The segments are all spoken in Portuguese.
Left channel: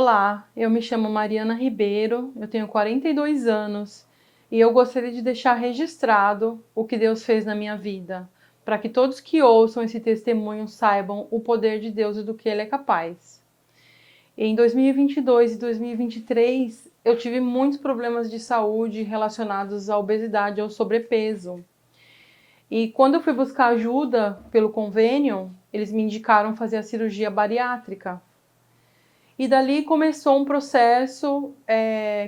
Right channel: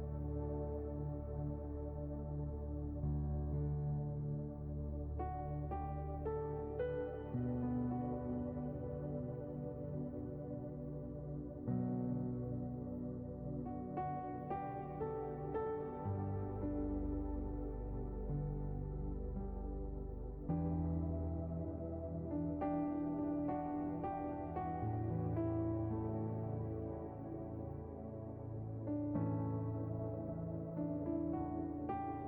Olá, eu me chamo Mariana Ribeiro, eu tenho 42 anos e eu gostaria de deixar registrado o que Deus fez na minha vida, para que todos que ouçam esse testemunho saibam o poder de Deus e do que Ele é capaz. Em 2022 e 2023, eu tive muitos problemas de saúde relacionados à obesidade e ao sobrepeso. E quando eu fui buscar ajuda pelo convênio, eles me indicaram fazer a cirurgia bariátrica. E dali começou um processo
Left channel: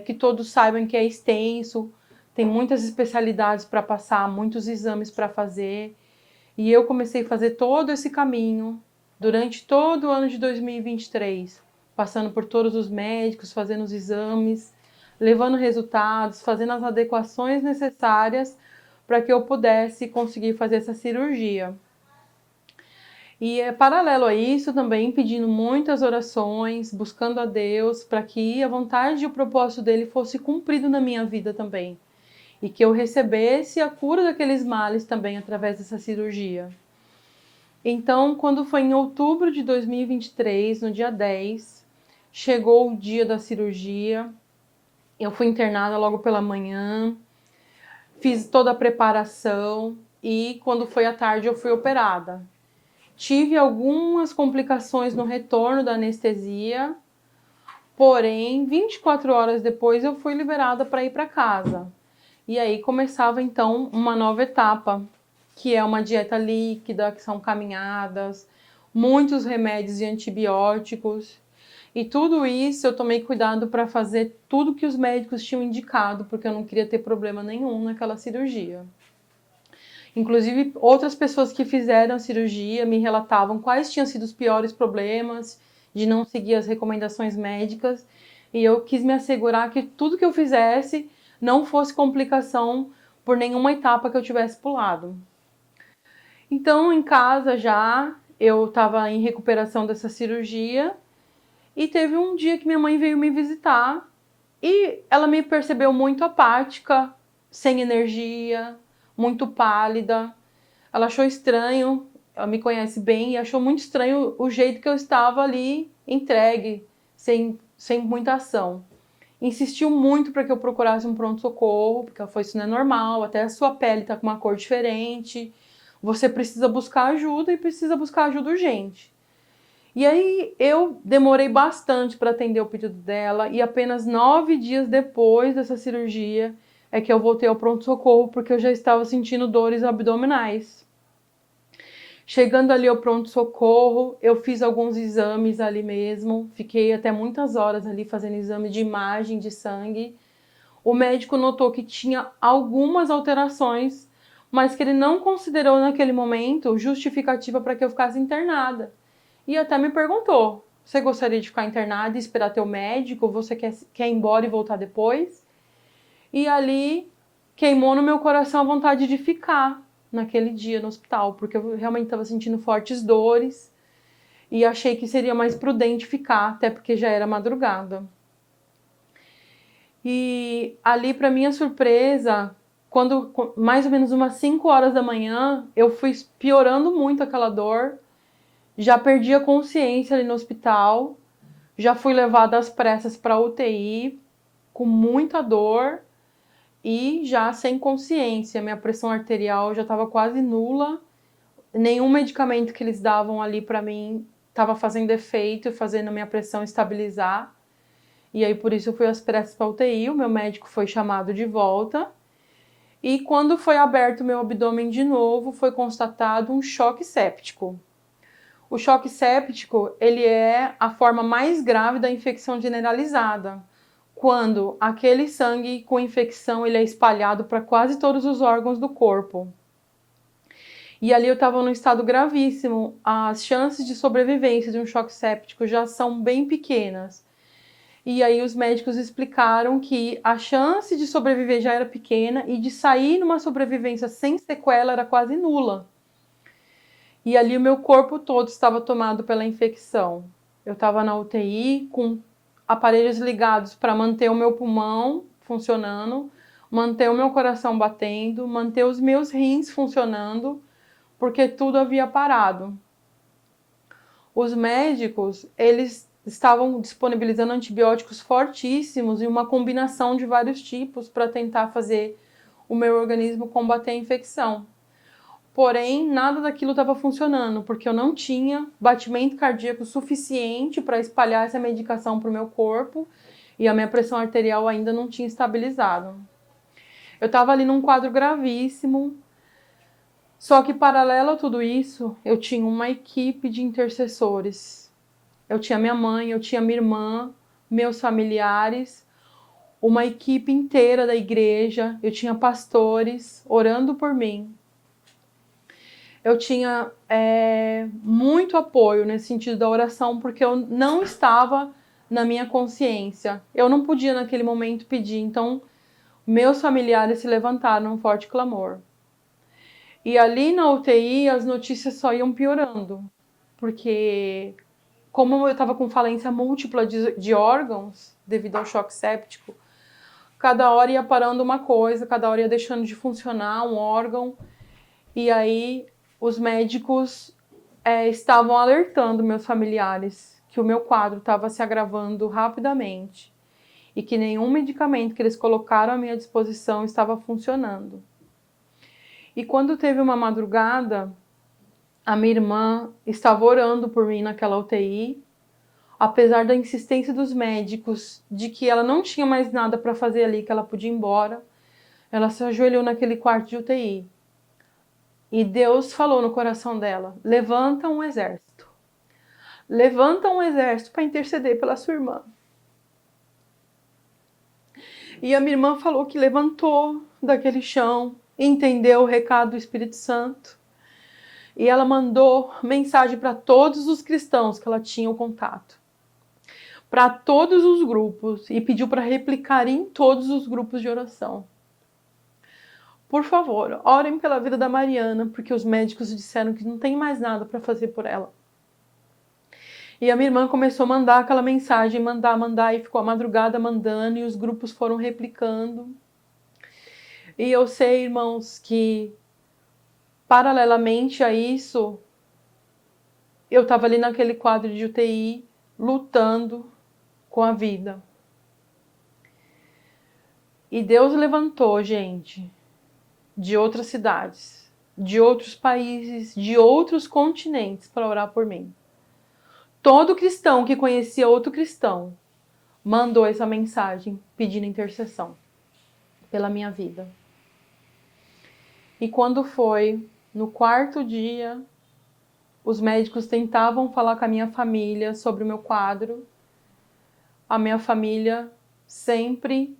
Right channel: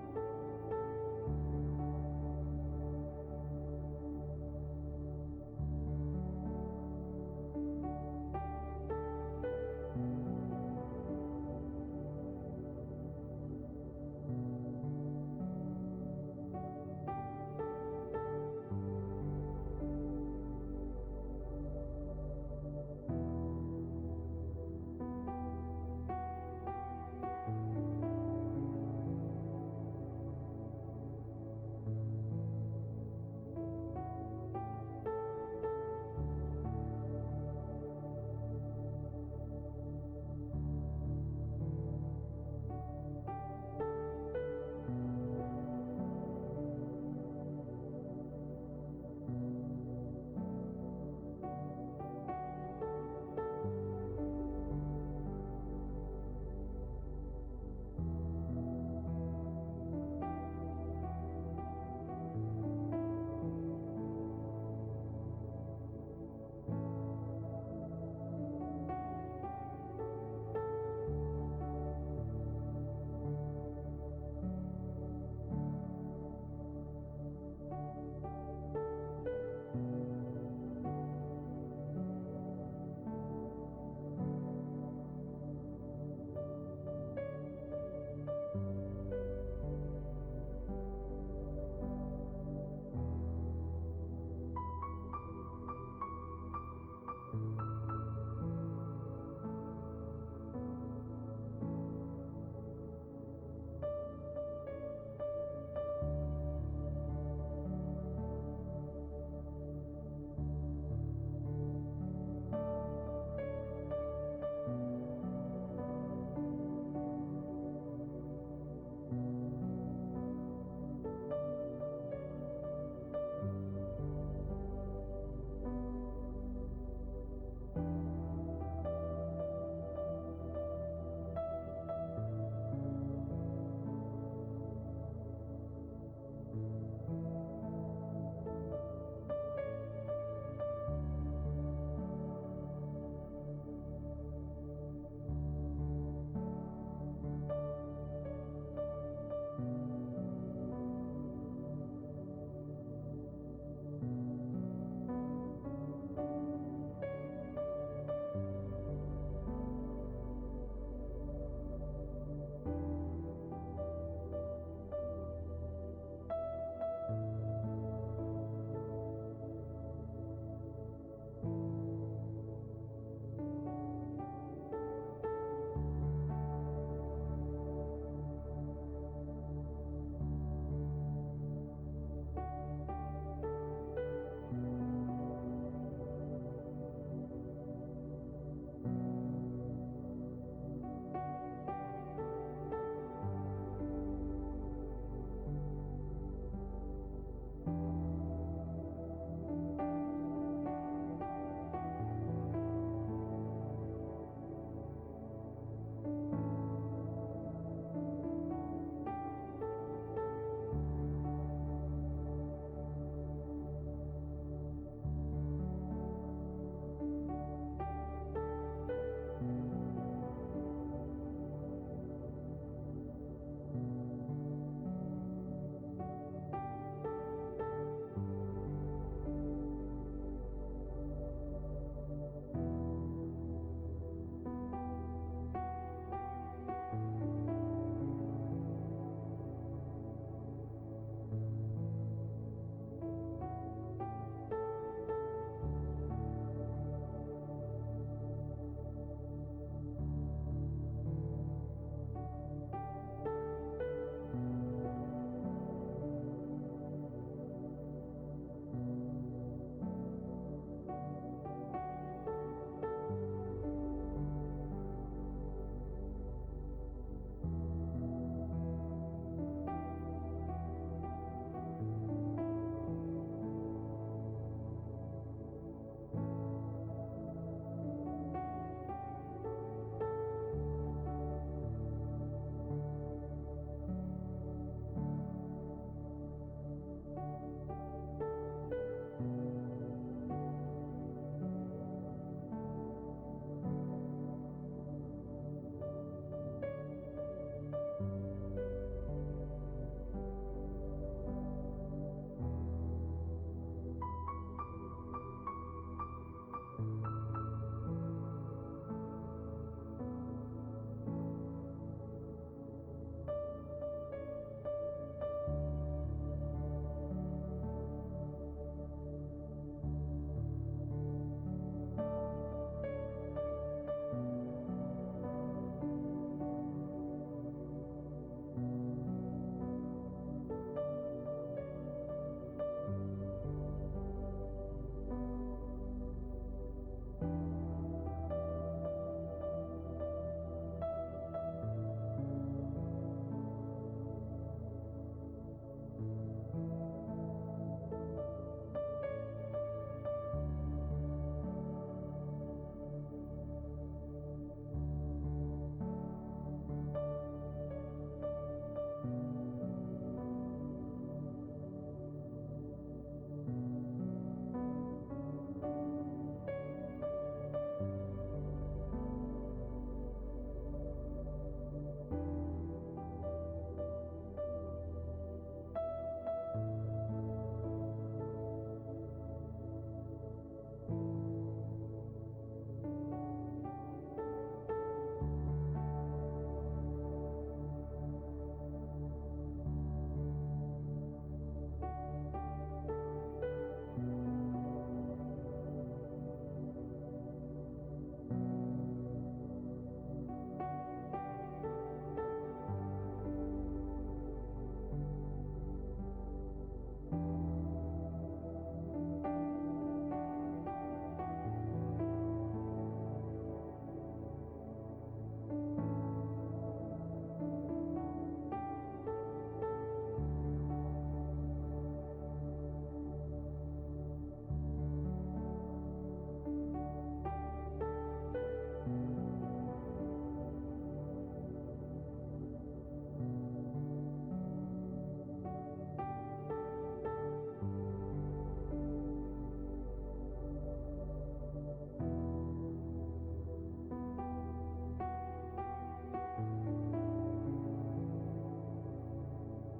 que todos saibam que é extenso, tem muitas especialidades para passar, muitos exames para fazer. E eu comecei a fazer todo esse caminho durante todo o ano de 2023, passando por todos os médicos, fazendo os exames, levando resultados, fazendo as adequações necessárias para que eu pudesse conseguir fazer essa cirurgia. E paralelo a isso, também pedindo muitas orações, buscando a Deus para que a vontade e o propósito dele fosse cumprido na minha vida também. E que eu recebesse a cura daqueles males também através dessa cirurgia. Então, quando foi em outubro de 2023, no dia 10, chegou o dia da cirurgia. Eu fui internada logo pela manhã, fiz toda a preparação e quando foi à tarde eu fui operada. Tive algumas complicações no retorno da anestesia, porém 24 horas depois eu fui liberada para ir para casa. E aí começava então uma nova etapa, que é uma dieta líquida, que são caminhadas, muitos remédios e antibióticos. E tudo isso eu tomei cuidado para fazer tudo que os médicos tinham indicado, porque eu não queria ter problema nenhum naquela cirurgia. Inclusive, outras pessoas que fizeram a cirurgia me relatavam quais tinham sido os piores problemas de não seguir as recomendações médicas. E eu quis me assegurar que tudo que eu fizesse não fosse complicação por nenhuma etapa que eu tivesse pulado. Então, em casa já, eu estava em recuperação dessa cirurgia e teve um dia que minha mãe veio me visitar e ela me percebeu muito apática, sem energia, muito pálida. Ela achou estranho, ela me conhece bem, e achou muito estranho o jeito que eu estava ali entregue, sem muita ação. Insistiu muito para que eu procurasse um pronto-socorro, porque ela falou, isso não é normal, até a sua pele está com uma cor diferente, você precisa buscar ajuda e precisa buscar ajuda urgente. E aí eu demorei bastante para atender o pedido dela e apenas 9 dias depois dessa cirurgia é que eu voltei ao pronto-socorro porque eu já estava sentindo dores abdominais. Chegando ali ao pronto-socorro, eu fiz alguns exames ali mesmo, fiquei até muitas horas ali fazendo exame de imagem de sangue. O médico notou que tinha algumas alterações, mas que ele não considerou naquele momento justificativa para que eu ficasse internada. E até me perguntou, você gostaria de ficar internada e esperar teu médico? Você quer ir embora e voltar depois? E ali queimou no meu coração a vontade de ficar naquele dia no hospital, porque eu realmente estava sentindo fortes dores e achei que seria mais prudente ficar, até porque já era madrugada. E ali, para minha surpresa, quando mais ou menos umas 5 horas da manhã, eu fui piorando muito aquela dor, já perdi a consciência ali no hospital, já fui levada às pressas para a UTI, com muita dor e já sem consciência. Minha pressão arterial já estava quase nula, nenhum medicamento que eles davam ali para mim estava fazendo efeito e fazendo a minha pressão estabilizar. E aí por isso eu fui às pressas para a UTI, o meu médico foi chamado de volta. E quando foi aberto meu abdômen de novo, foi constatado um choque séptico. O choque séptico, ele é a forma mais grave da infecção generalizada, quando aquele sangue com infecção ele é espalhado para quase todos os órgãos do corpo. E ali eu estava num estado gravíssimo, as chances de sobrevivência de um choque séptico já são bem pequenas. E aí os médicos explicaram que a chance de sobreviver já era pequena e de sair numa sobrevivência sem sequela era quase nula. E ali o meu corpo todo estava tomado pela infecção. Eu estava na UTI com aparelhos ligados para manter o meu pulmão funcionando, manter o meu coração batendo, manter os meus rins funcionando, porque tudo havia parado. Os médicos, eles estavam disponibilizando antibióticos fortíssimos e uma combinação de vários tipos para tentar fazer o meu organismo combater a infecção. Porém, nada daquilo estava funcionando, porque eu não tinha batimento cardíaco suficiente para espalhar essa medicação para o meu corpo e a minha pressão arterial ainda não tinha estabilizado. Eu estava ali num quadro gravíssimo, só que paralelo a tudo isso, eu tinha uma equipe de intercessores. Eu tinha minha mãe, eu tinha minha irmã, meus familiares, uma equipe inteira da igreja, eu tinha pastores orando por mim. Eu tinha muito apoio nesse sentido da oração, porque eu não estava na minha consciência. Eu não podia naquele momento pedir, então meus familiares se levantaram num forte clamor. E ali na UTI as notícias só iam piorando, porque como eu estava com falência múltipla de órgãos, devido ao choque séptico, cada hora ia parando uma coisa, cada hora ia deixando de funcionar um órgão, e aí os médicos estavam alertando meus familiares que o meu quadro estava se agravando rapidamente e que nenhum medicamento que eles colocaram à minha disposição estava funcionando. E quando teve uma madrugada, a minha irmã estava orando por mim naquela UTI, apesar da insistência dos médicos de que ela não tinha mais nada para fazer ali, que ela podia ir embora. Ela se ajoelhou naquele quarto de UTI. E Deus falou no coração dela: levanta um exército. Levanta um exército para interceder pela sua irmã. E a minha irmã falou que levantou daquele chão, entendeu o recado do Espírito Santo. E ela mandou mensagem para todos os cristãos que ela tinha o contato, para todos os grupos, e pediu para replicar em todos os grupos de oração. Por favor, orem pela vida da Mariana, porque os médicos disseram que não tem mais nada para fazer por ela. E a minha irmã começou a mandar aquela mensagem, mandar, e ficou a madrugada mandando, e os grupos foram replicando. E eu sei, irmãos, que paralelamente a isso, eu estava ali naquele quadro de UTI, lutando com a vida. E Deus levantou, gente, de outras cidades, de outros países, de outros continentes para orar por mim. Todo cristão que conhecia outro cristão mandou essa mensagem pedindo intercessão pela minha vida. E quando foi no quarto dia, os médicos tentavam falar com a minha família sobre o meu quadro. A minha família sempre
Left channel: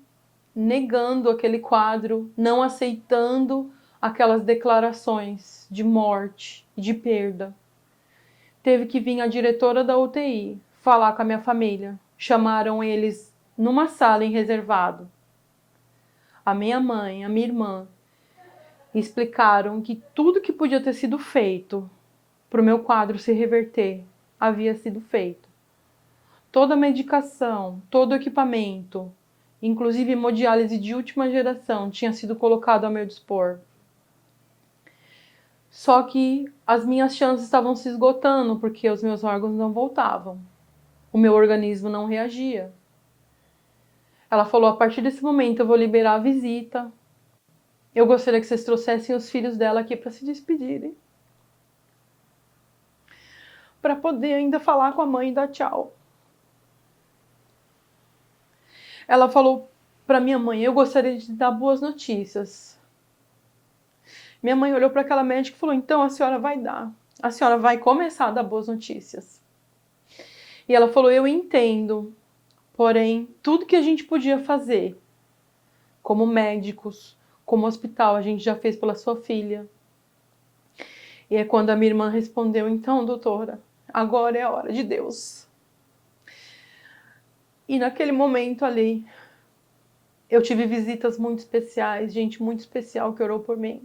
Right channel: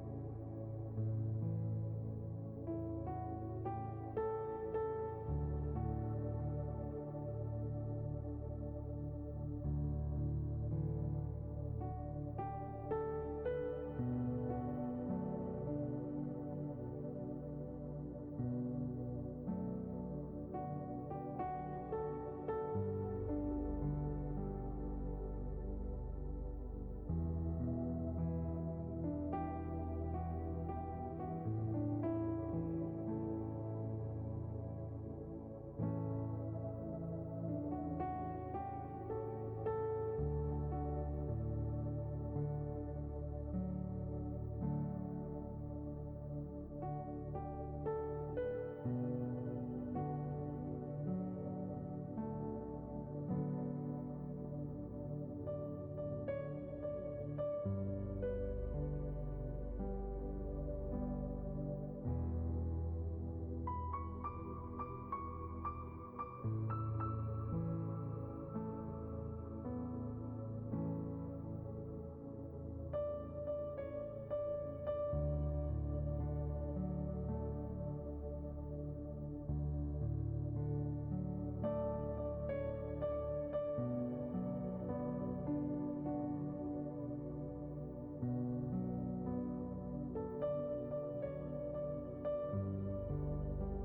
negando aquele quadro, não aceitando aquelas declarações de morte, de perda. Teve que vir a diretora da UTI falar com a minha família. Chamaram eles numa sala em reservado, a minha mãe, a minha irmã, e explicaram que tudo que podia ter sido feito para o meu quadro se reverter havia sido feito. Toda a medicação, todo o equipamento, inclusive hemodiálise de última geração, tinha sido colocado ao meu dispor. Só que as minhas chances estavam se esgotando, porque os meus órgãos não voltavam. O meu organismo não reagia. Ela falou: a partir desse momento eu vou liberar a visita. Eu gostaria que vocês trouxessem os filhos dela aqui para se despedirem, para poder ainda falar com a mãe e dar tchau. Ela falou para minha mãe: eu gostaria de dar boas notícias. Minha mãe olhou para aquela médica e falou: então a senhora vai dar. A senhora vai começar a dar boas notícias. E ela falou: eu entendo, porém, tudo que a gente podia fazer, como médicos, como hospital, a gente já fez pela sua filha. E é quando a minha irmã respondeu: então, doutora, agora é a hora de Deus. E naquele momento ali, eu tive visitas muito especiais, gente muito especial que orou por mim.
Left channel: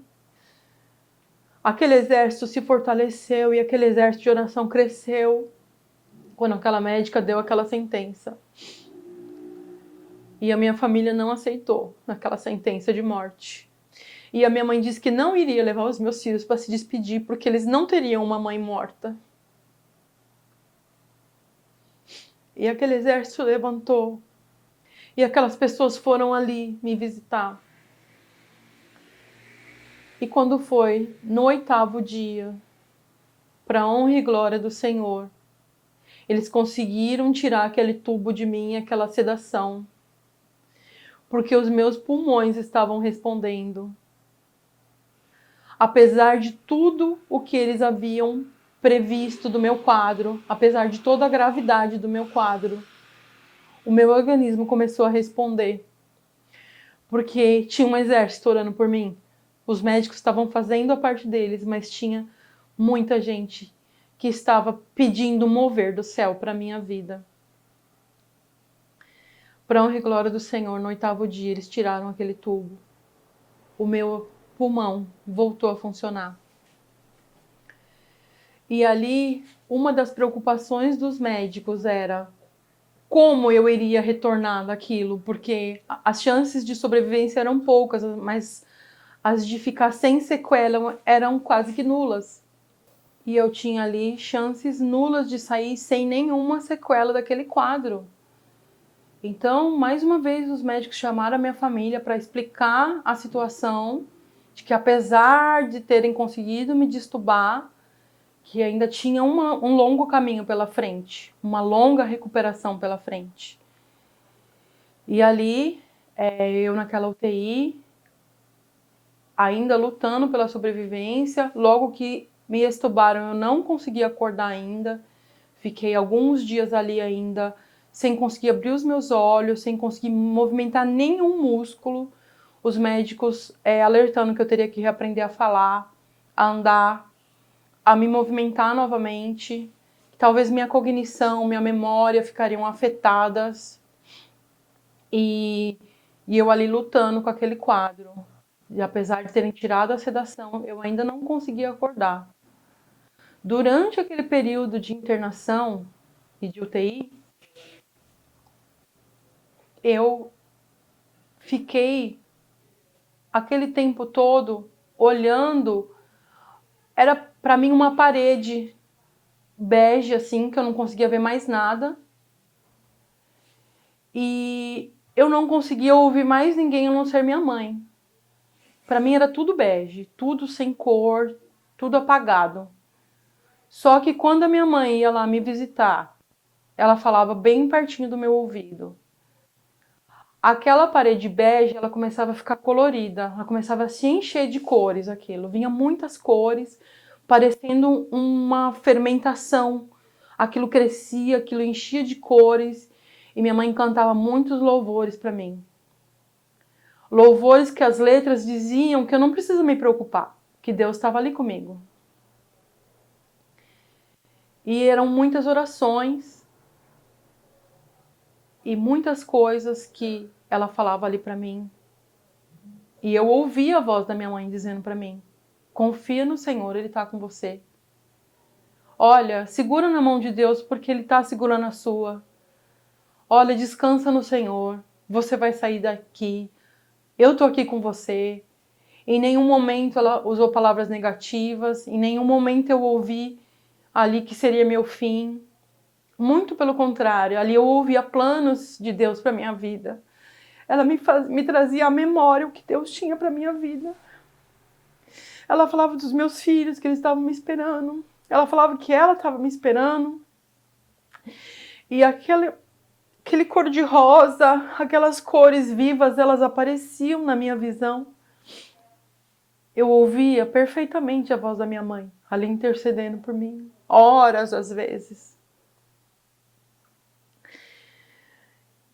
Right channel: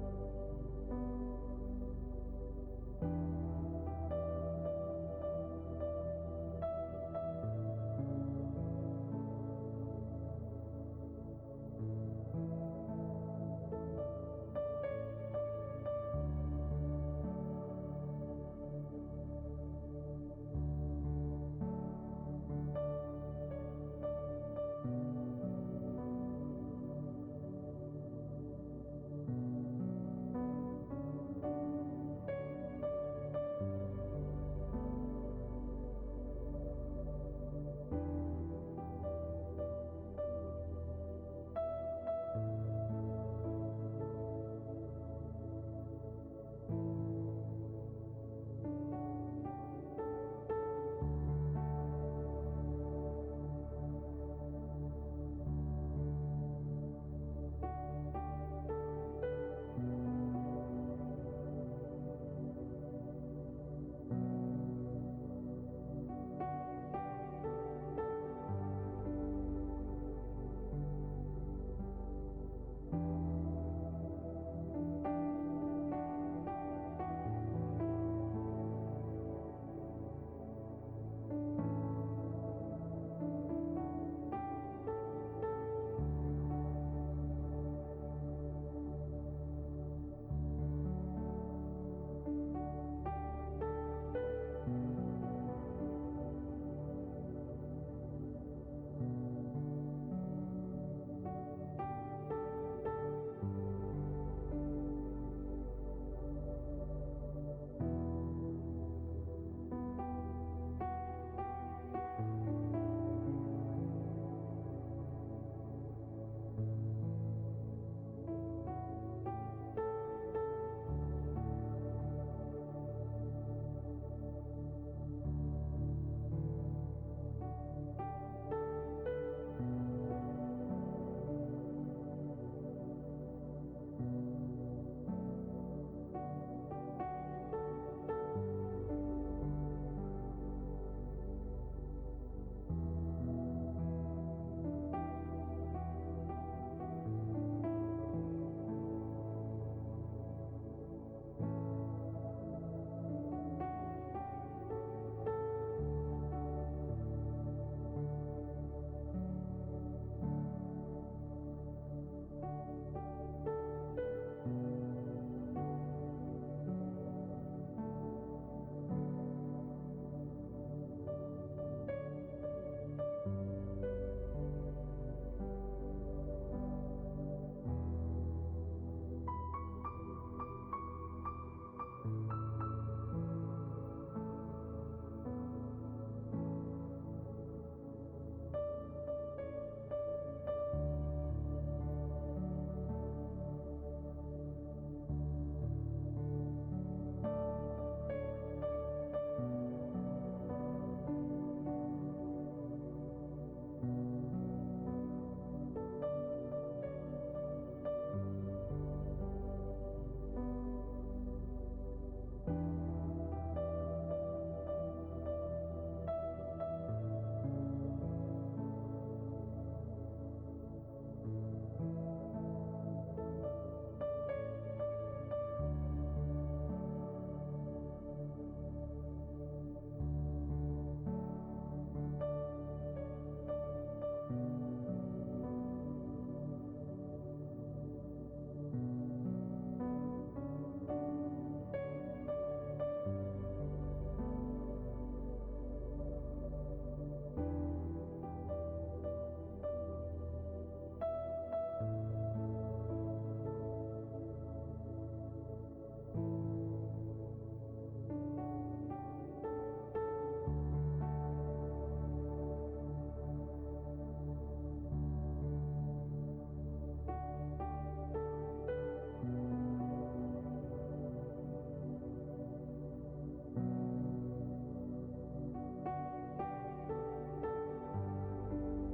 Aquele exército se fortaleceu e aquele exército de oração cresceu quando aquela médica deu aquela sentença. E a minha família não aceitou aquela sentença de morte. E a minha mãe disse que não iria levar os meus filhos para se despedir, porque eles não teriam uma mãe morta. E aquele exército levantou. E aquelas pessoas foram ali me visitar. E quando foi no 8º dia, para honra e glória do Senhor, eles conseguiram tirar aquele tubo de mim, aquela sedação, porque os meus pulmões estavam respondendo. Apesar de tudo o que eles haviam previsto do meu quadro, apesar de toda a gravidade do meu quadro, o meu organismo começou a responder, porque tinha um exército orando por mim. Os médicos estavam fazendo a parte deles, mas tinha muita gente que estava pedindo mover do céu para a minha vida. Para honra e glória do Senhor, no 8º dia, eles tiraram aquele tubo. O meu pulmão voltou a funcionar. E ali, uma das preocupações dos médicos era como eu iria retornar daquilo, porque as chances de sobrevivência eram poucas, mas as de ficar sem sequela eram quase que nulas. E eu tinha ali chances nulas de sair sem nenhuma sequela daquele quadro. Então, mais uma vez, os médicos chamaram a minha família para explicar a situação, de que apesar de terem conseguido me destubar, que ainda tinha um longo caminho pela frente, uma longa recuperação pela frente. E ali, eu naquela UTI, ainda lutando pela sobrevivência, logo que me extubaram, eu não consegui acordar ainda, fiquei alguns dias ali ainda, sem conseguir abrir os meus olhos, sem conseguir movimentar nenhum músculo, os médicos alertando que eu teria que reaprender a falar, a andar, a me movimentar novamente, talvez minha cognição, minha memória ficariam afetadas, e eu ali lutando com aquele quadro. E apesar de terem tirado a sedação, eu ainda não conseguia acordar. Durante aquele período de internação e de UTI, eu fiquei aquele tempo todo olhando, era para mim uma parede bege assim, que eu não conseguia ver mais nada. E eu não conseguia ouvir mais ninguém a não ser minha mãe. Para mim era tudo bege, tudo sem cor, tudo apagado. Só que quando a minha mãe ia lá me visitar, ela falava bem pertinho do meu ouvido. Aquela parede bege, ela começava a ficar colorida, ela começava a se encher de cores aquilo. Vinha muitas cores, parecendo uma fermentação. Aquilo crescia, aquilo enchia de cores e minha mãe cantava muitos louvores para mim. Louvores que as letras diziam que eu não preciso me preocupar, que Deus estava ali comigo. E eram muitas orações e muitas coisas que ela falava ali para mim. E eu ouvia a voz da minha mãe dizendo para mim: confia no Senhor, Ele está com você. Olha, segura na mão de Deus porque Ele está segurando a sua. Olha, descansa no Senhor, você vai sair daqui. Eu estou aqui com você. Em nenhum momento ela usou palavras negativas, em nenhum momento eu ouvi ali que seria meu fim. Muito pelo contrário, ali eu ouvia planos de Deus para minha vida. Ela me trazia à memória o que Deus tinha para minha vida. Ela falava dos meus filhos, que eles estavam me esperando. Ela falava que ela estava me esperando. E aquele cor de rosa, aquelas cores vivas, elas apareciam na minha visão. Eu ouvia perfeitamente a voz da minha mãe, ali intercedendo por mim, horas às vezes.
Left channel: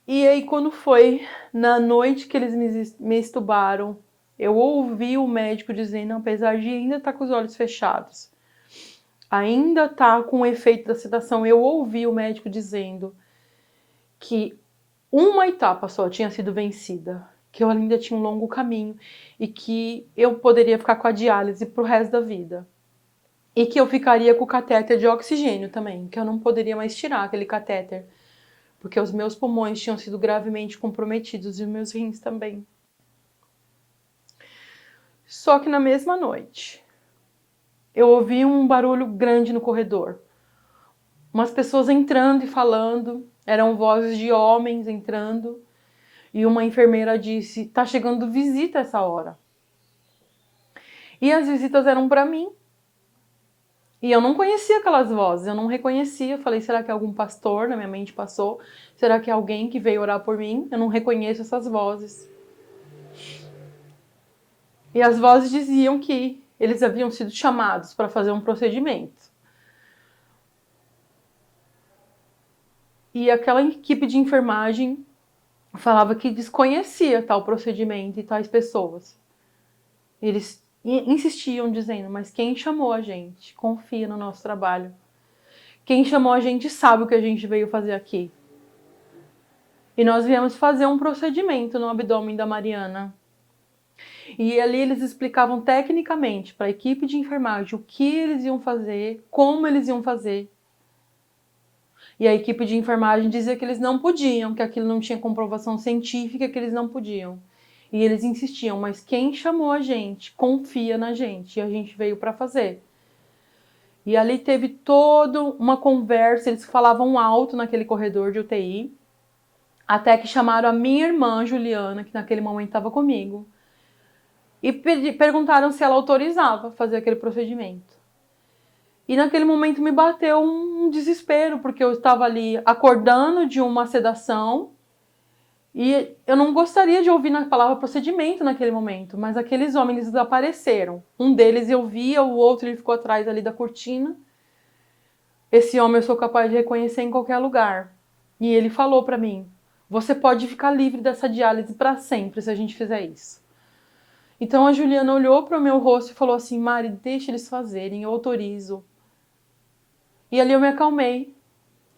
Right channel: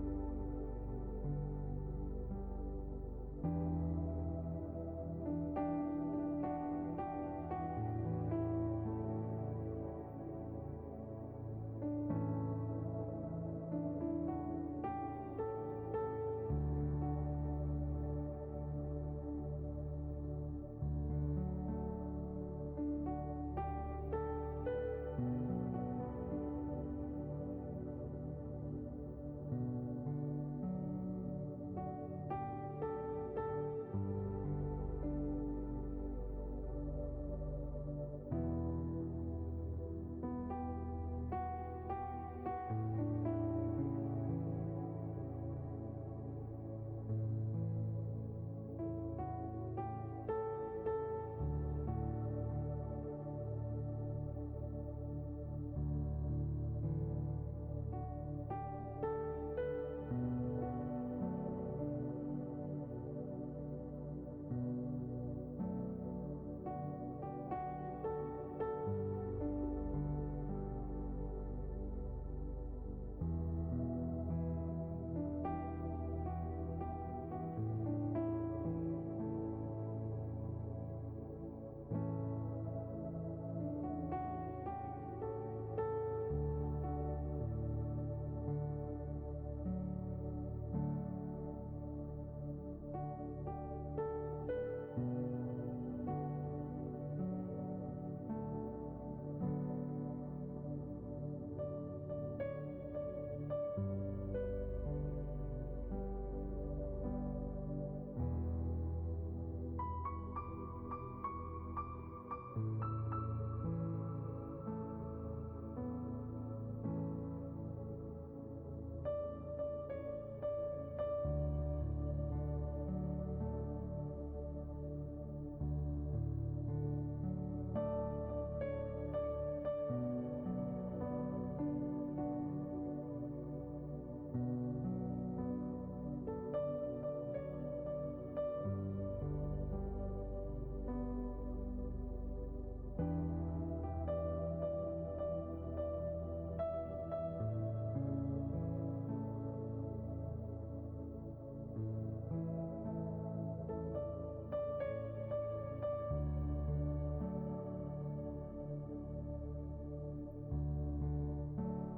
E aí quando foi na noite que eles me estubaram, eu ouvi o médico dizendo, apesar de ainda estar com os olhos fechados, ainda estar com o efeito da sedação, eu ouvi o médico dizendo que uma etapa só tinha sido vencida, que eu ainda tinha um longo caminho e que eu poderia ficar com a diálise pro resto da vida. E que eu ficaria com o catéter de oxigênio também, que eu não poderia mais tirar aquele catéter, porque os meus pulmões tinham sido gravemente comprometidos e os meus rins também. Só que na mesma noite, eu ouvi um barulho grande no corredor. Umas pessoas entrando e falando, Eram vozes de homens entrando e uma enfermeira disse: tá chegando visita essa hora. E as visitas eram para mim. E eu não conhecia aquelas vozes, eu não reconhecia. Eu falei, será que é algum pastor? Na minha mente passou. Será que é alguém que veio orar por mim? Eu não reconheço essas vozes. E as vozes diziam que eles haviam sido chamados para fazer um procedimento. E aquela equipe de enfermagem falava que desconhecia tal procedimento e tais pessoas. Eles insistiam dizendo, mas quem chamou a gente confia no nosso trabalho. Quem chamou a gente sabe o que a gente veio fazer aqui. E nós viemos fazer um procedimento no abdômen da Mariana. E ali eles explicavam tecnicamente para a equipe de enfermagem o que eles iam fazer, como eles iam fazer. E a equipe de enfermagem dizia que eles não podiam, que aquilo não tinha comprovação científica, que eles não podiam. E eles insistiam, mas quem chamou a gente confia na gente e a gente veio para fazer. E ali teve toda uma conversa, eles falavam alto naquele corredor de UTI, até que chamaram a minha irmã Juliana, que naquele momento estava comigo, e perguntaram se ela autorizava fazer aquele procedimento. E naquele momento me bateu um desespero, porque eu estava ali acordando de uma sedação e eu não gostaria de ouvir a palavra procedimento naquele momento, mas aqueles homens eles apareceram. Um deles eu via, o outro ele ficou atrás ali da cortina. Esse homem eu sou capaz de reconhecer em qualquer lugar. E ele falou para mim, você pode ficar livre dessa diálise para sempre se a gente fizer isso. Então a Juliana olhou para o meu rosto e falou assim, Mari, deixa eles fazerem, eu autorizo. E ali eu me acalmei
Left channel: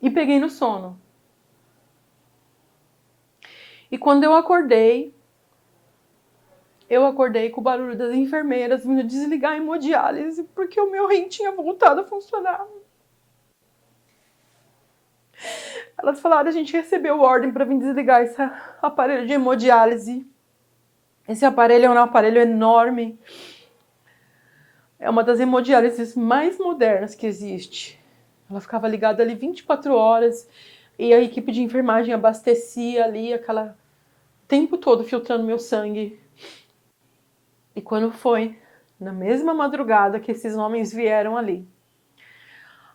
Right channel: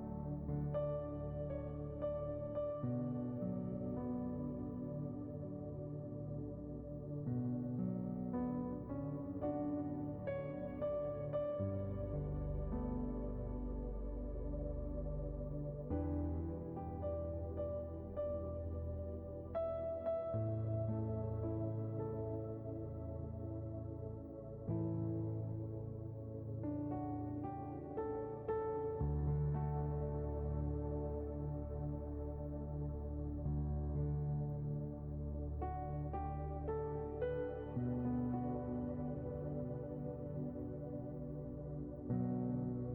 e peguei no sono. E quando eu acordei com o barulho das enfermeiras vindo desligar a hemodiálise, porque o meu rim tinha voltado a funcionar. Elas falaram, a gente recebeu ordem para vir desligar esse aparelho de hemodiálise. Esse aparelho é um aparelho enorme. É uma das hemodiálises mais modernas que existe. Ela ficava ligada ali 24 horas e a equipe de enfermagem abastecia ali aquela tempo todo filtrando meu sangue. E quando foi na mesma madrugada que esses homens vieram ali,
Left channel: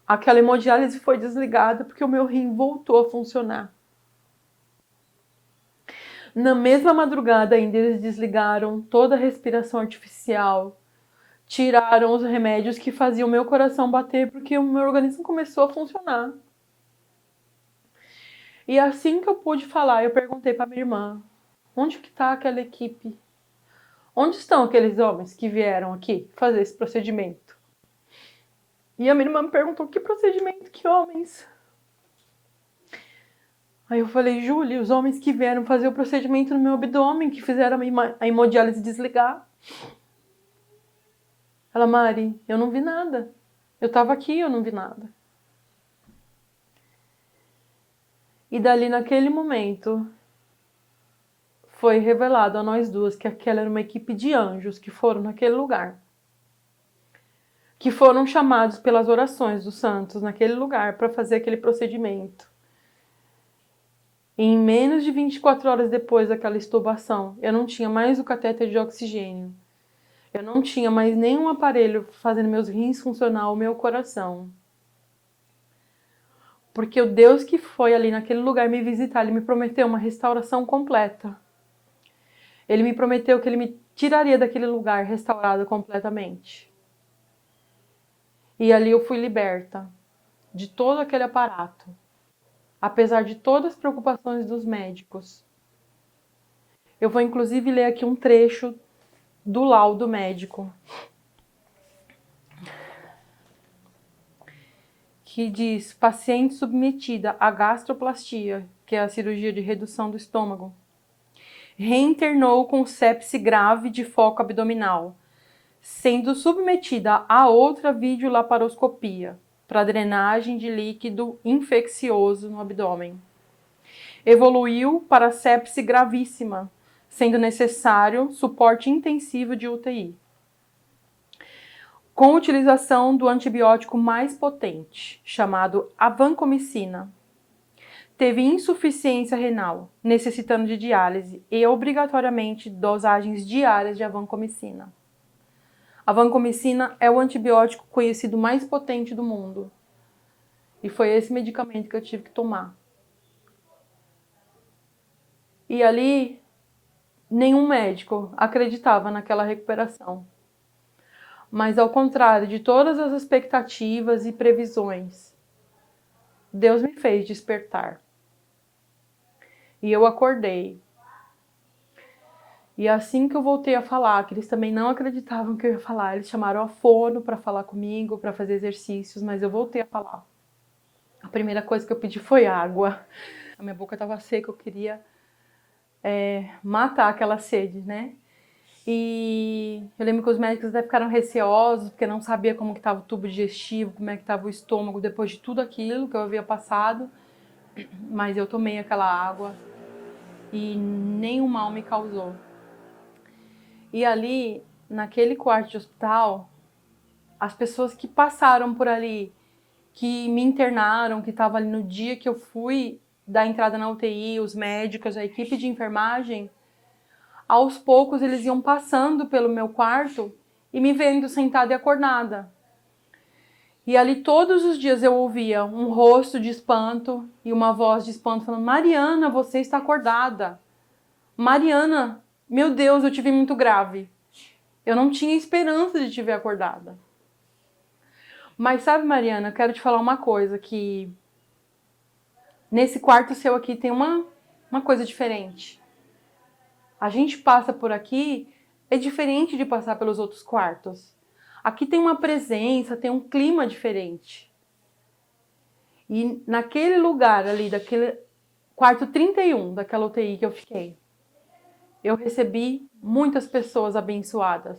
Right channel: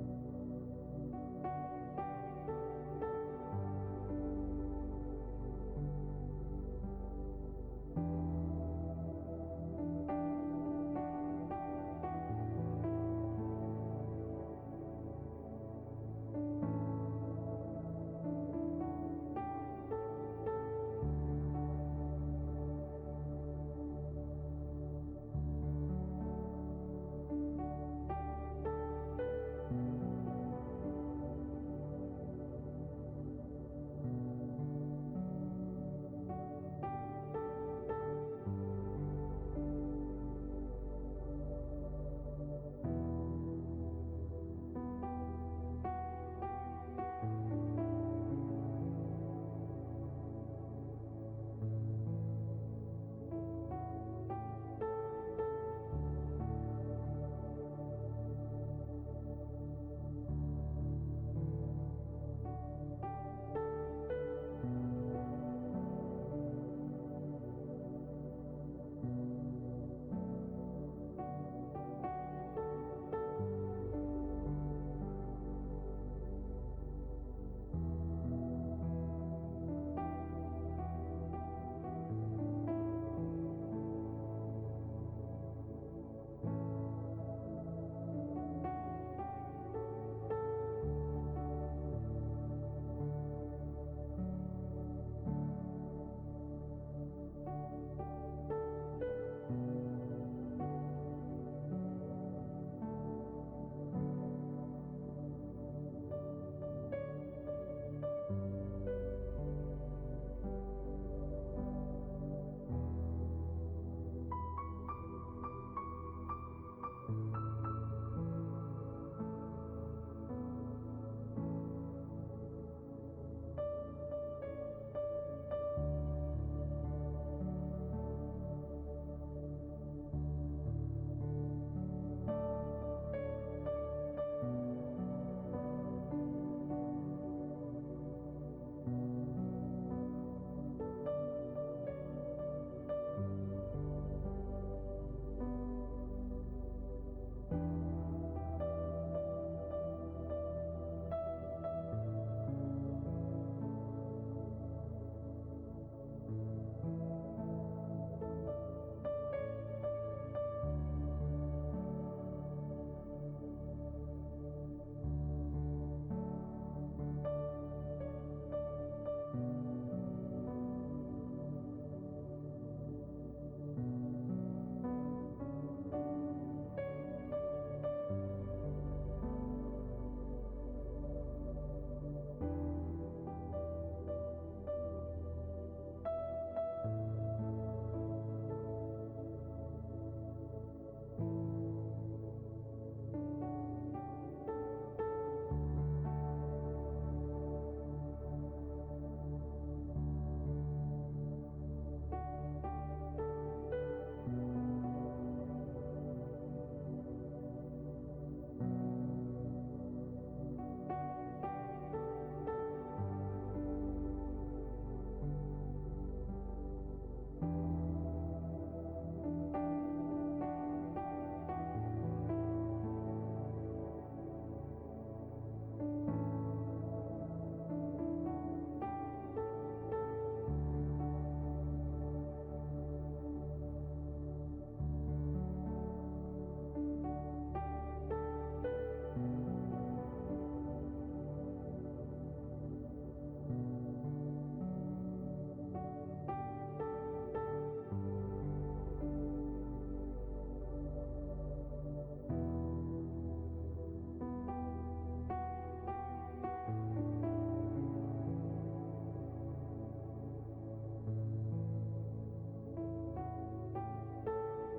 aquela hemodiálise foi desligada porque o meu rim voltou a funcionar. Na mesma madrugada ainda eles desligaram toda a respiração artificial, tiraram os remédios que faziam o meu coração bater porque o meu organismo começou a funcionar. E assim que eu pude falar, eu perguntei para minha irmã, onde que está aquela equipe? Onde estão aqueles homens que vieram aqui fazer esse procedimento? E a minha irmã me perguntou, que procedimento, que homens? Aí eu falei, Júlia, os homens que vieram fazer o procedimento no meu abdômen, que fizeram a hemodiálise desligar. Ela, Mari, eu não vi nada. Eu tava aqui, eu não vi nada. E dali naquele momento foi revelado a nós duas que aquela era uma equipe de anjos que foram naquele lugar. Que foram chamados pelas orações dos santos naquele lugar para fazer aquele procedimento. E em menos de 24 horas depois daquela extubação, eu não tinha mais o catéter de oxigênio. Eu não tinha mais nenhum aparelho fazendo meus rins funcionar, o meu coração. Porque o Deus que foi ali naquele lugar me visitar, Ele me prometeu uma restauração completa. Ele me prometeu que Ele me tiraria daquele lugar restaurado completamente. E ali eu fui liberta de todo aquele aparato, apesar de todas as preocupações dos médicos. Eu vou inclusive ler aqui um trecho do laudo médico, que diz, paciente submetida à gastroplastia, que é a cirurgia de redução do estômago, reinternou com sepse grave de foco abdominal, sendo submetida a outra videolaparoscopia para drenagem de líquido infeccioso no abdômen. Evoluiu para sepse gravíssima, sendo necessário suporte intensivo de UTI, com utilização do antibiótico mais potente, chamado avancomicina. teve insuficiência renal, necessitando de diálise e obrigatoriamente dosagens diárias de vancomicina. A vancomicina é o antibiótico conhecido mais potente do mundo. E foi esse medicamento que eu tive que tomar. E ali, nenhum médico acreditava naquela recuperação. Mas ao contrário de todas as expectativas e previsões, Deus me fez despertar. E eu acordei. E assim que eu voltei a falar, que eles também não acreditavam que eu ia falar, eles chamaram a fono para falar comigo, para fazer exercícios, mas eu voltei a falar. A primeira coisa que eu pedi foi água. A minha boca estava seca, eu queria matar aquela sede, né? E eu lembro que os médicos até ficaram receosos, porque não sabia como que estava o tubo digestivo, como é que estava o estômago depois de tudo aquilo que eu havia passado. Mas eu tomei aquela água e nenhum mal me causou. E ali, naquele quarto de hospital, as pessoas que passaram por ali, que me internaram, que estavam ali no dia que eu fui dar entrada na UTI, os médicos, a equipe de enfermagem, aos poucos eles iam passando pelo meu quarto e me vendo sentada e acordada. E ali todos os dias eu ouvia um rosto de espanto e uma voz de espanto falando: Mariana, você está acordada. Mariana, meu Deus, eu te vi muito grave. Eu não tinha esperança de te ver acordada. Mas sabe, Mariana, eu quero te falar uma coisa, que nesse quarto seu aqui tem uma coisa diferente. A gente passa por aqui, é diferente de passar pelos outros quartos. Aqui tem uma presença, tem um clima diferente. E naquele lugar ali, daquele quarto 31 daquela UTI que eu fiquei, eu recebi muitas pessoas abençoadas.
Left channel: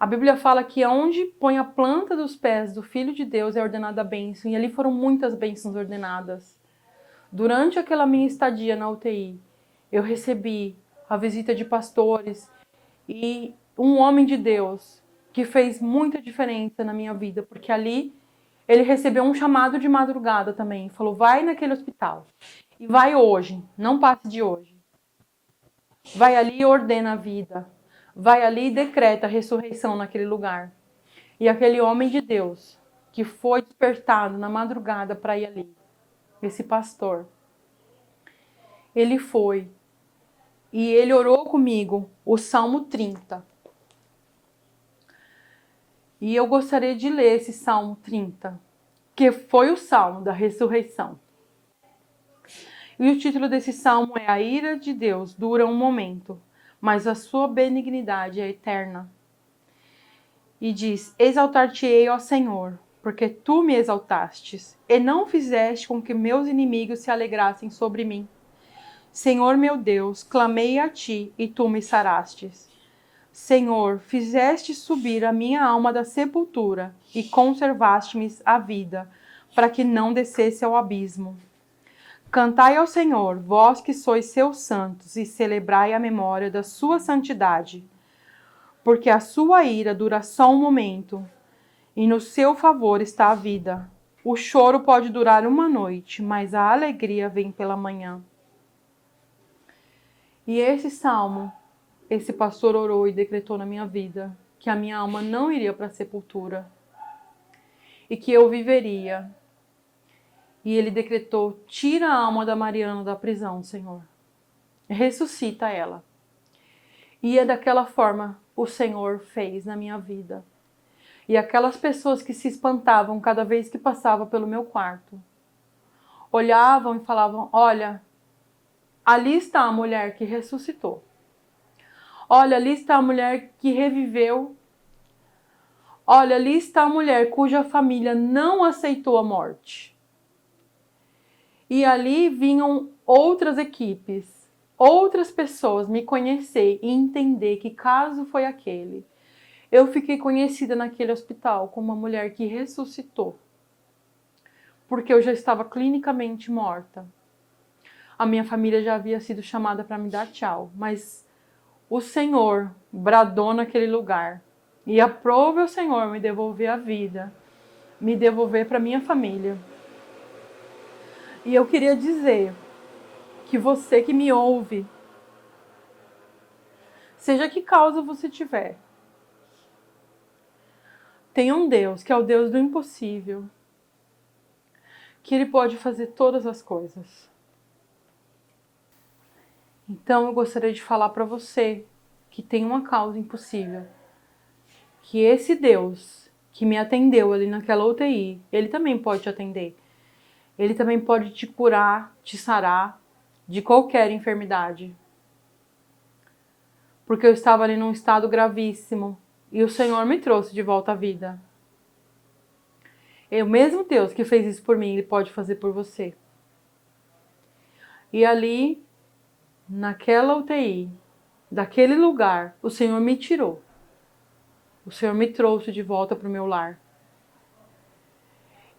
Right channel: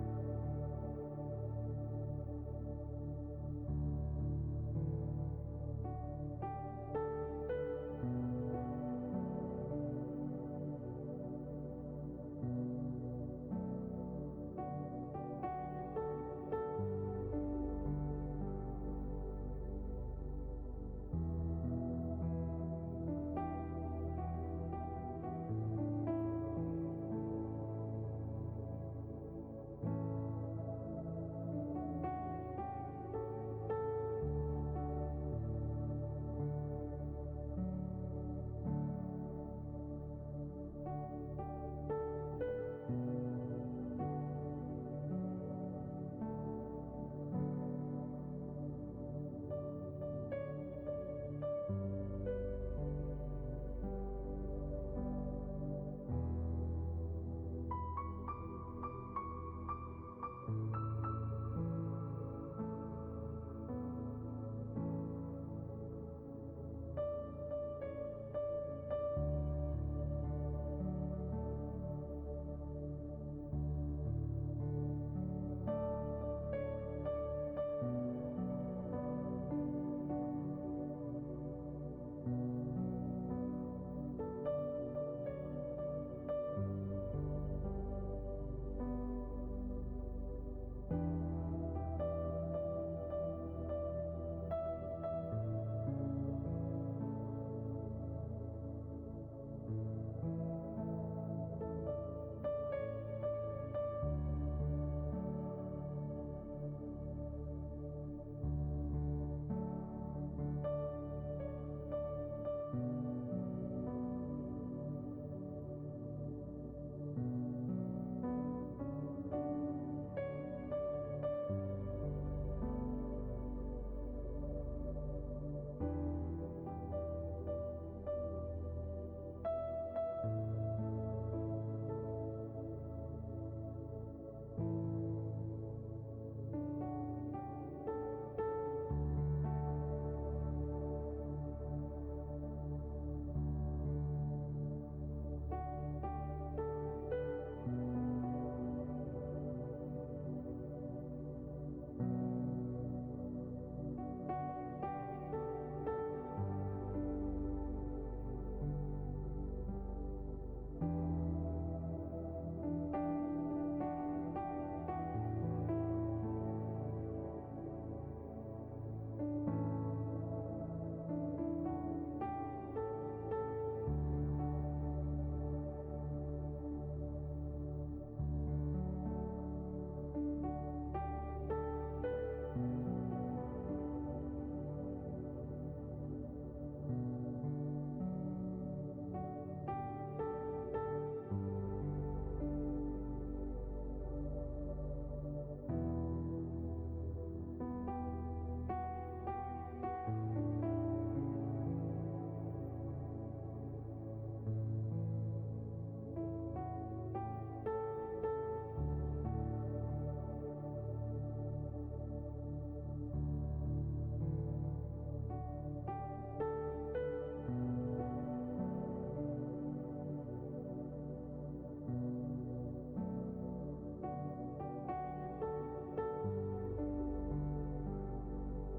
A Bíblia fala que onde põe a planta dos pés do Filho de Deus é ordenada a bênção, e ali foram muitas bênçãos ordenadas. Durante aquela minha estadia na UTI, eu recebi a visita de pastores e um homem de Deus que fez muita diferença na minha vida, porque ali ele recebeu um chamado de madrugada também, falou: vai naquele hospital, e vai hoje, não passe de hoje. Vai ali e ordena a vida. Vai ali e decreta a ressurreição naquele lugar. E aquele homem de Deus que foi despertado na madrugada para ir ali, esse pastor, ele foi e ele orou comigo o Salmo 30. E eu gostaria de ler esse Salmo 30, que foi o Salmo da ressurreição. E o título desse salmo é: A ira de Deus dura um momento, mas a sua benignidade é eterna. E diz: Exaltar-te-ei, ó Senhor, porque tu me exaltastes, e não fizeste com que meus inimigos se alegrassem sobre mim. Senhor meu Deus, clamei a ti, e tu me sarastes. Senhor, fizeste subir a minha alma da sepultura, e conservaste-me a vida, para que não descesse ao abismo. Cantai ao Senhor, vós que sois seus santos, e celebrai a memória da sua santidade. Porque a sua ira dura só um momento, e no seu favor está a vida. O choro pode durar uma noite, mas a alegria vem pela manhã. E esse salmo, esse pastor orou e decretou na minha vida que a minha alma não iria para a sepultura e que eu viveria. E ele decretou: tira a alma da Mariana da prisão, Senhor. Ressuscita ela. E é daquela forma o Senhor fez na minha vida. E aquelas pessoas que se espantavam cada vez que passava pelo meu quarto, olhavam e falavam: olha, ali está a mulher que ressuscitou. Olha, ali está a mulher que reviveu. Olha, ali está a mulher cuja família não aceitou a morte. E ali vinham outras equipes, outras pessoas me conhecer e entender que caso foi aquele. Eu fiquei conhecida naquele hospital como uma mulher que ressuscitou, porque eu já estava clinicamente morta. A minha família já havia sido chamada para me dar tchau, mas o Senhor bradou naquele lugar. E aprove o Senhor me devolver a vida, me devolver para minha família. E eu queria dizer que você que me ouve, seja que causa você tiver, tem um Deus que é o Deus do impossível, que Ele pode fazer todas as coisas. Então eu gostaria de falar para você que tem uma causa impossível, que esse Deus que me atendeu ali naquela UTI, Ele também pode te atender. Ele também pode te curar, te sarar de qualquer enfermidade. Porque eu estava ali num estado gravíssimo e o Senhor me trouxe de volta à vida. É o mesmo Deus que fez isso por mim, Ele pode fazer por você. E ali, naquela UTI, daquele lugar, o Senhor me tirou. O Senhor me trouxe de volta para o meu lar.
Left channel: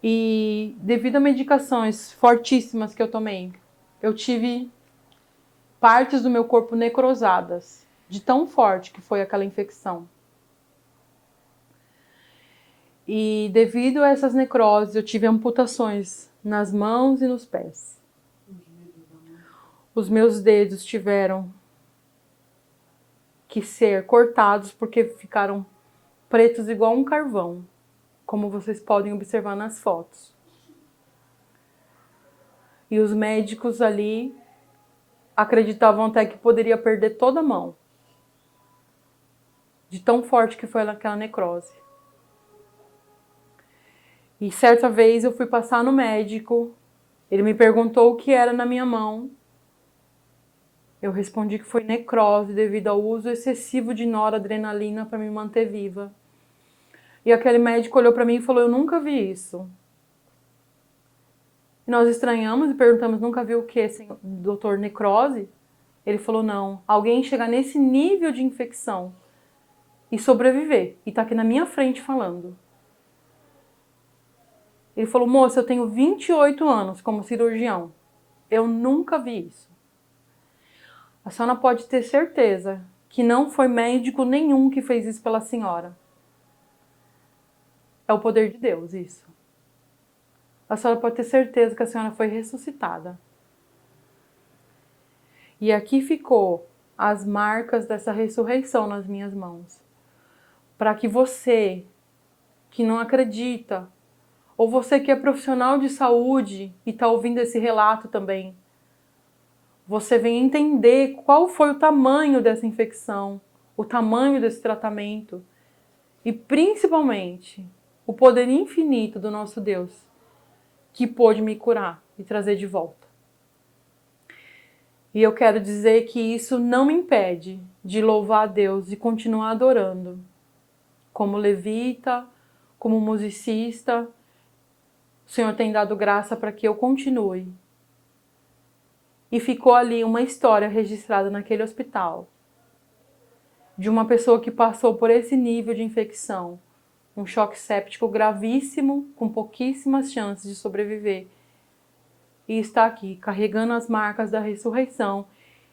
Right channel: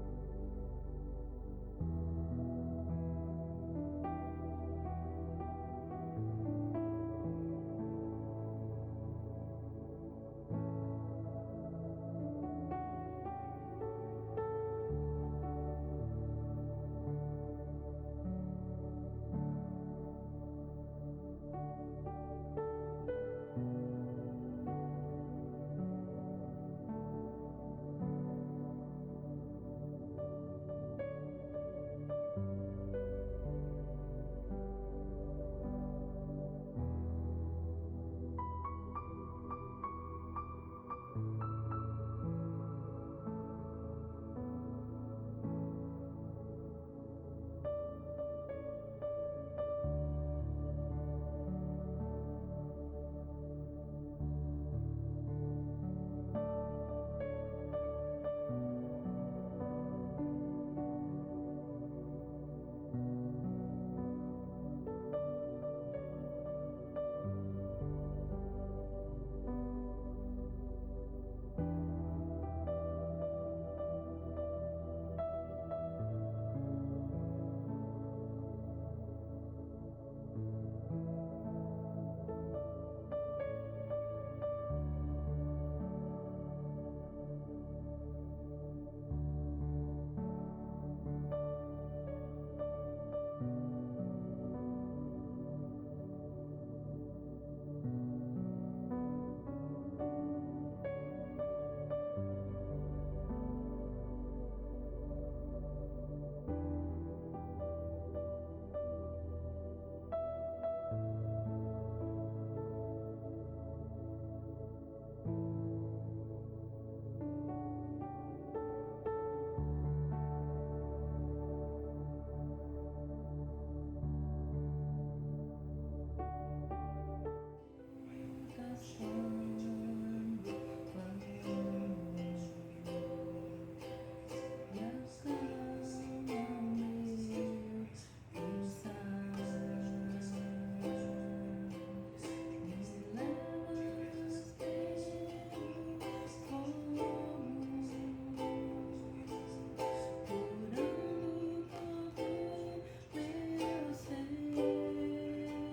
E devido a medicações fortíssimas que eu tomei, eu tive partes do meu corpo necrosadas, de tão forte que foi aquela infecção. E devido a essas necroses, eu tive amputações nas mãos e nos pés. Os meus dedos tiveram que ser cortados porque ficaram pretos igual um carvão, como vocês podem observar nas fotos. E os médicos ali acreditavam até que poderia perder toda a mão, de tão forte que foi aquela necrose. E certa vez eu fui passar no médico, ele me perguntou o que era na minha mão. Eu respondi que foi necrose devido ao uso excessivo de noradrenalina para me manter viva. E aquele médico olhou para mim e falou: eu nunca vi isso. E nós estranhamos e perguntamos: nunca viu o que, doutor, necrose? Ele falou: não, alguém chegar nesse nível de infecção e sobreviver, e tá aqui na minha frente falando. Ele falou: moça, eu tenho 28 anos como cirurgião, eu nunca vi isso. A senhora pode ter certeza que não foi médico nenhum que fez isso pela senhora. É o poder de Deus isso. A senhora pode ter certeza que a senhora foi ressuscitada. E aqui ficou as marcas dessa ressurreição nas minhas mãos. Para que você que não acredita, ou você que é profissional de saúde e está ouvindo esse relato também, você venha entender qual foi o tamanho dessa infecção, o tamanho desse tratamento e principalmente o poder infinito do nosso Deus que pôde me curar e trazer de volta. E eu quero dizer que isso não me impede de louvar a Deus e continuar adorando, como levita, como musicista. O Senhor tem dado graça para que eu continue. E ficou ali uma história registrada naquele hospital de uma pessoa que passou por esse nível de infecção, um choque séptico gravíssimo, com pouquíssimas chances de sobreviver. E está aqui, carregando as marcas da ressurreição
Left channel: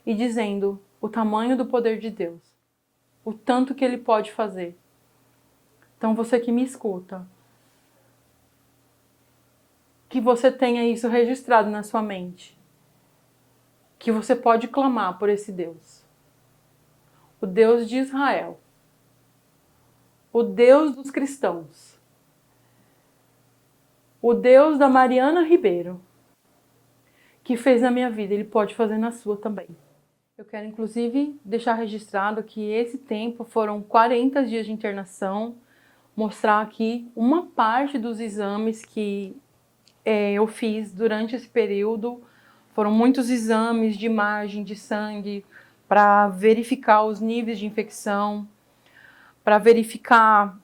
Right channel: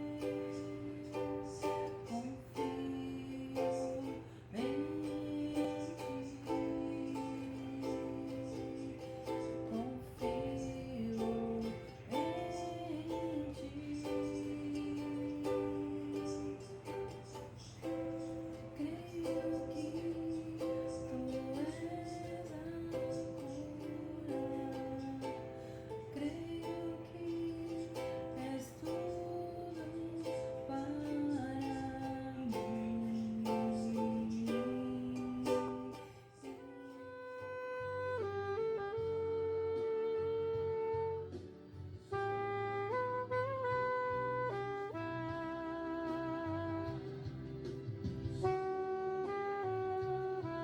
e dizendo o tamanho do poder de Deus, o tanto que Ele pode fazer. Então você que me escuta, que você tenha isso registrado na sua mente, que você pode clamar por esse Deus, o Deus de Israel, o Deus dos cristãos, o Deus da Mariana Ribeiro, que fez na minha vida, Ele pode fazer na sua também. Eu quero inclusive deixar registrado que esse tempo foram 40 dias de internação, mostrar aqui uma parte dos exames que eu fiz durante esse período. Foram muitos exames de imagem de sangue para verificar os níveis de infecção, para verificar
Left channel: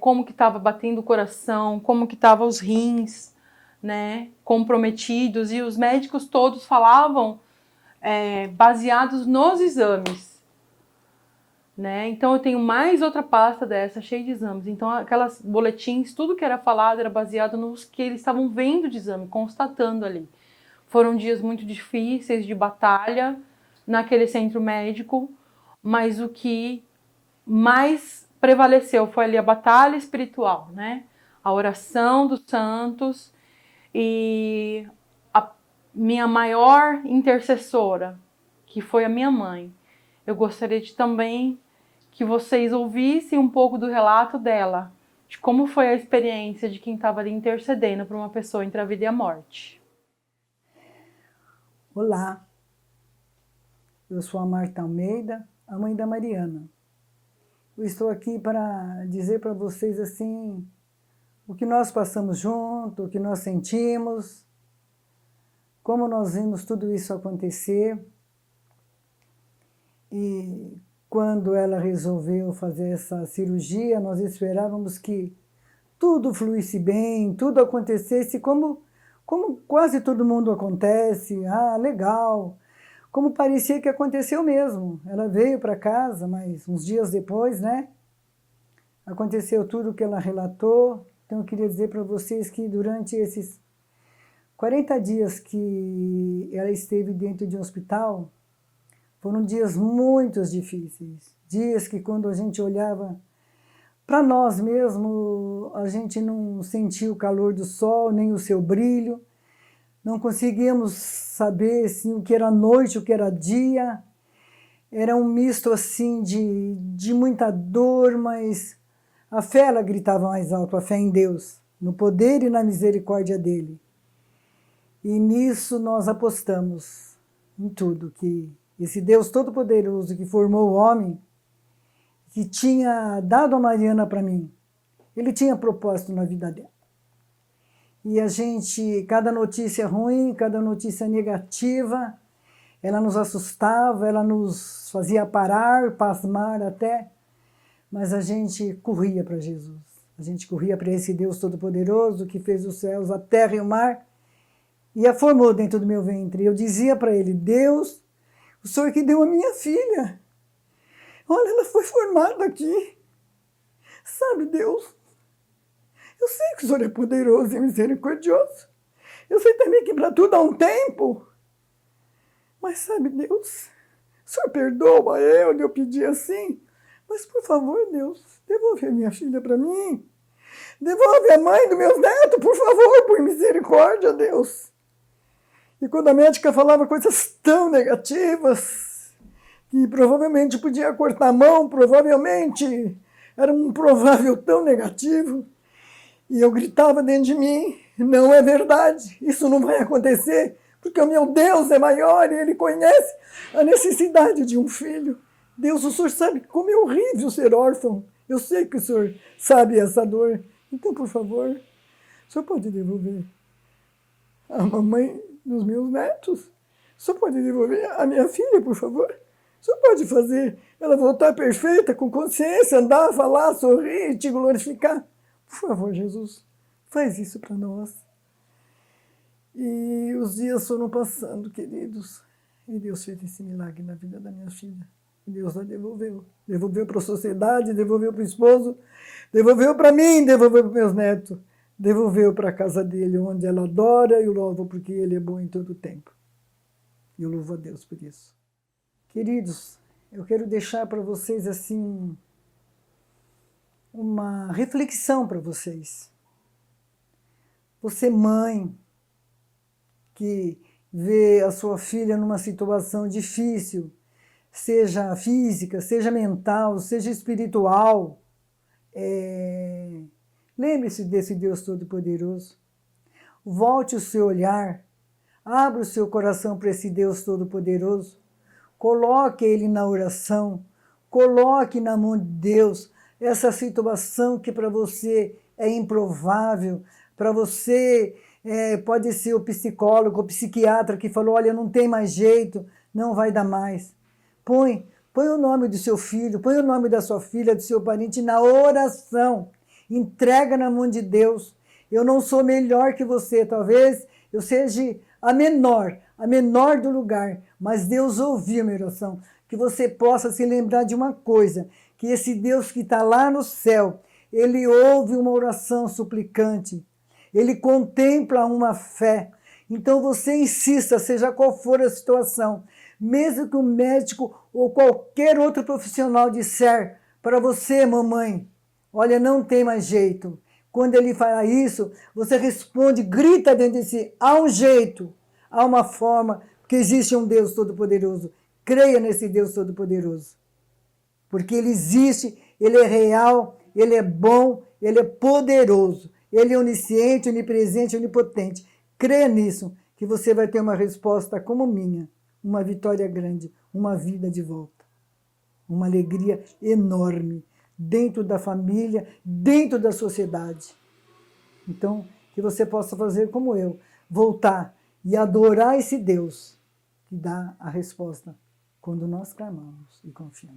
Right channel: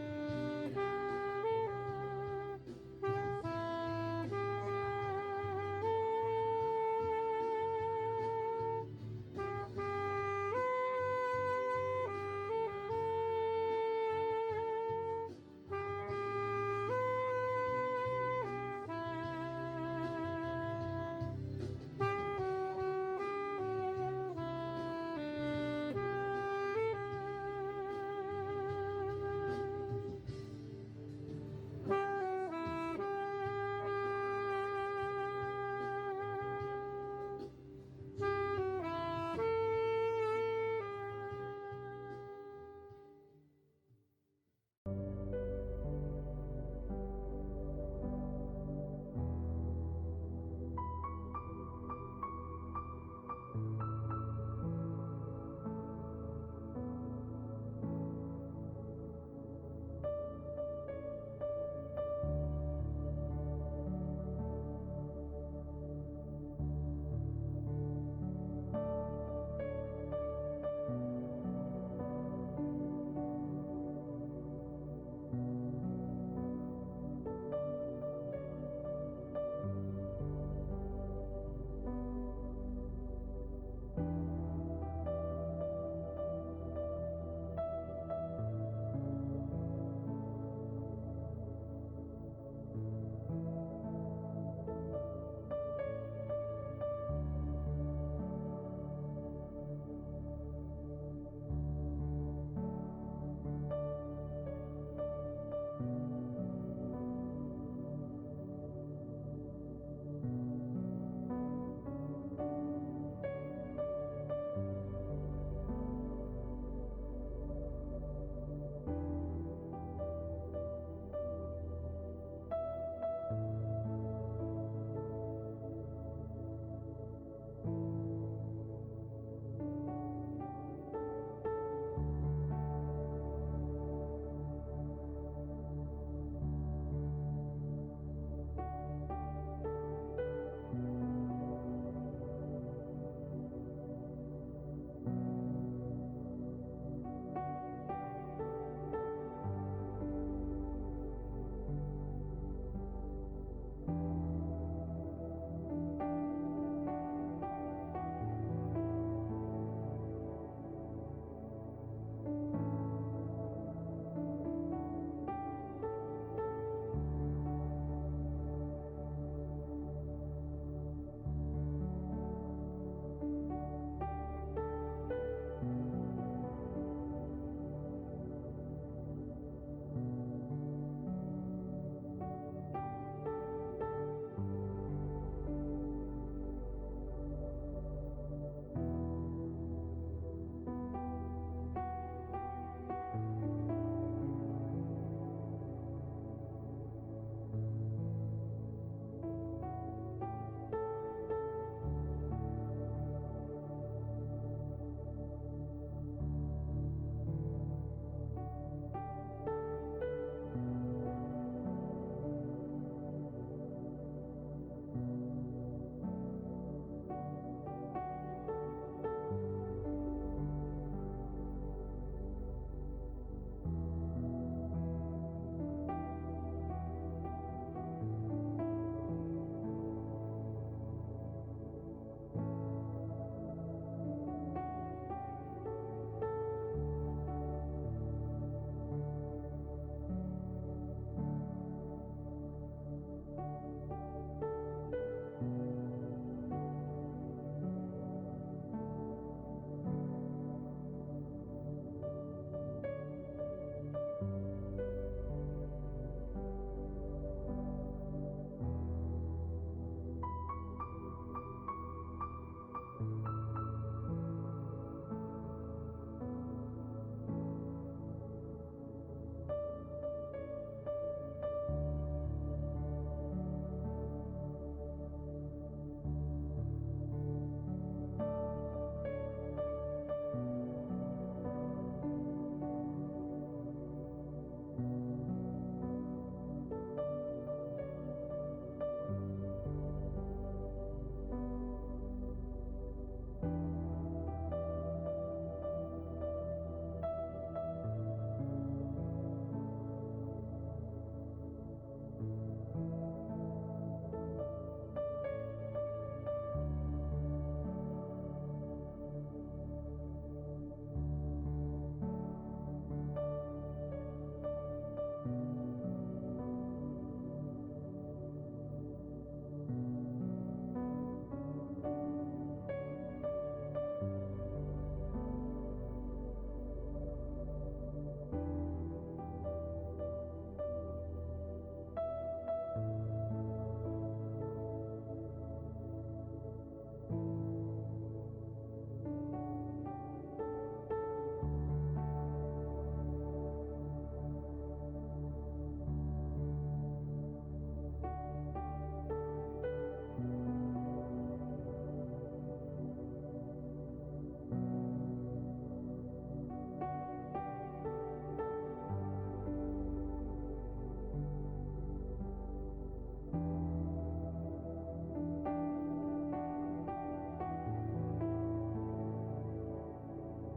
como que estava batendo o coração, como que estavam os rins, né, comprometidos. E os médicos todos falavam baseados nos exames, né? Então eu tenho mais outra pasta dessa cheia de exames. Então aquelas boletins, tudo que era falado era baseado nos que eles estavam vendo de exame, constatando ali. Foram dias muito difíceis de batalha naquele centro médico, mas o que mais prevaleceu foi ali a batalha espiritual, né? A oração dos santos e minha maior intercessora, que foi a minha mãe. Eu gostaria de também que vocês ouvissem um pouco do relato dela, de como foi a experiência de quem estava ali intercedendo por uma pessoa entre a vida e a morte. Olá, eu sou a Marta Almeida, a mãe da Mariana. Eu estou aqui para dizer para vocês assim, o que nós passamos junto, o que nós sentimos, como nós vimos tudo isso acontecer. E quando ela resolveu fazer essa cirurgia, nós esperávamos que tudo fluísse bem, tudo acontecesse como quase todo mundo acontece. Ah, legal! Como parecia que aconteceu mesmo. Ela veio para casa, mas uns dias depois, né? Aconteceu tudo o que ela relatou. Então eu queria dizer para vocês que durante esses 40 dias que ela esteve dentro de um hospital, foram dias muito difíceis. Dias que quando a gente olhava para nós mesmos, a gente não sentia o calor do sol, nem o seu brilho. Não conseguíamos saber assim, o que era noite, o que era dia. Era um misto assim de muita dor, mas a fé ela gritava mais alto, a fé em Deus, no poder e na misericórdia dele. E nisso nós apostamos em tudo, que esse Deus Todo-Poderoso que formou o homem, que tinha dado a Mariana para mim, ele tinha propósito na vida dela. E a gente, cada notícia ruim, cada notícia negativa, ela nos assustava, ela nos fazia parar, pasmar até, mas a gente corria para Jesus. A gente corria para esse Deus Todo-Poderoso que fez os céus, a terra e o mar e a formou dentro do meu ventre. Eu dizia para ele, Deus, o Senhor que deu a minha filha, olha, ela foi formada aqui. Sabe, Deus, eu sei que o Senhor é poderoso e misericordioso. Eu sei também que para tudo há um tempo. Mas sabe, Deus, o Senhor perdoa eu pedi assim. Mas por favor, Deus, devolve a minha filha para mim. Devolve a mãe dos meus netos, por favor, por misericórdia, Deus. E quando a médica falava coisas tão negativas, que provavelmente podia cortar a mão, provavelmente era um provável tão negativo, e eu gritava dentro de mim, não é verdade, isso não vai acontecer, porque o meu Deus é maior e Ele conhece a necessidade de um filho. Deus, o Senhor sabe como é horrível ser órfão. Eu sei que o Senhor sabe essa dor. Então, por favor, o Senhor pode devolver a mamãe dos meus netos? O Senhor pode devolver a minha filha, por favor? O Senhor pode fazer ela voltar perfeita, com consciência, andar, falar, sorrir, te glorificar? Por favor, Jesus, faz isso para nós. E os dias foram passando, queridos, e Deus fez esse milagre na vida da minha filha. E Deus a devolveu. Devolveu para a sociedade, devolveu para o esposo, devolveu para mim, devolveu para meus netos, devolveu para a casa dele, onde ela adora e o louva, porque ele é bom em todo o tempo. E eu louvo a Deus por isso. Queridos, eu quero deixar para vocês assim uma reflexão para vocês. Você, mãe, que vê a sua filha numa situação difícil, seja física, seja mental, seja espiritual, lembre-se desse Deus Todo-Poderoso. Volte o seu olhar, abra o seu coração para esse Deus Todo-Poderoso. Coloque Ele na oração, coloque na mão de Deus essa situação que para você é improvável, para você pode ser o psicólogo, o psiquiatra que falou, olha, não tem mais jeito, não vai dar mais. Põe o nome do seu filho, põe o nome da sua filha, do seu parente na oração, entrega na mão de Deus. Eu não sou melhor que você, talvez eu seja a menor do lugar, mas Deus ouviu a minha oração. Que você possa se lembrar de uma coisa, que esse Deus que está lá no céu, Ele ouve uma oração suplicante, Ele contempla uma fé. Então você insista, seja qual for a situação, mesmo que o médico ou qualquer outro profissional disser para você, mamãe, olha, não tem mais jeito. Quando ele fala isso, você responde, grita dentro de si, há um jeito, há uma forma, porque existe um Deus Todo-Poderoso. Creia nesse Deus Todo-Poderoso. Porque Ele existe, Ele é real, Ele é bom, Ele é poderoso. Ele é onisciente, onipresente, onipotente. Creia nisso, que você vai ter uma resposta como minha, uma vitória grande, uma vida de volta, uma alegria enorme, dentro da família, dentro da sociedade. Então, que você possa fazer como eu, voltar e adorar esse Deus que dá a resposta quando nós clamamos e confiamos.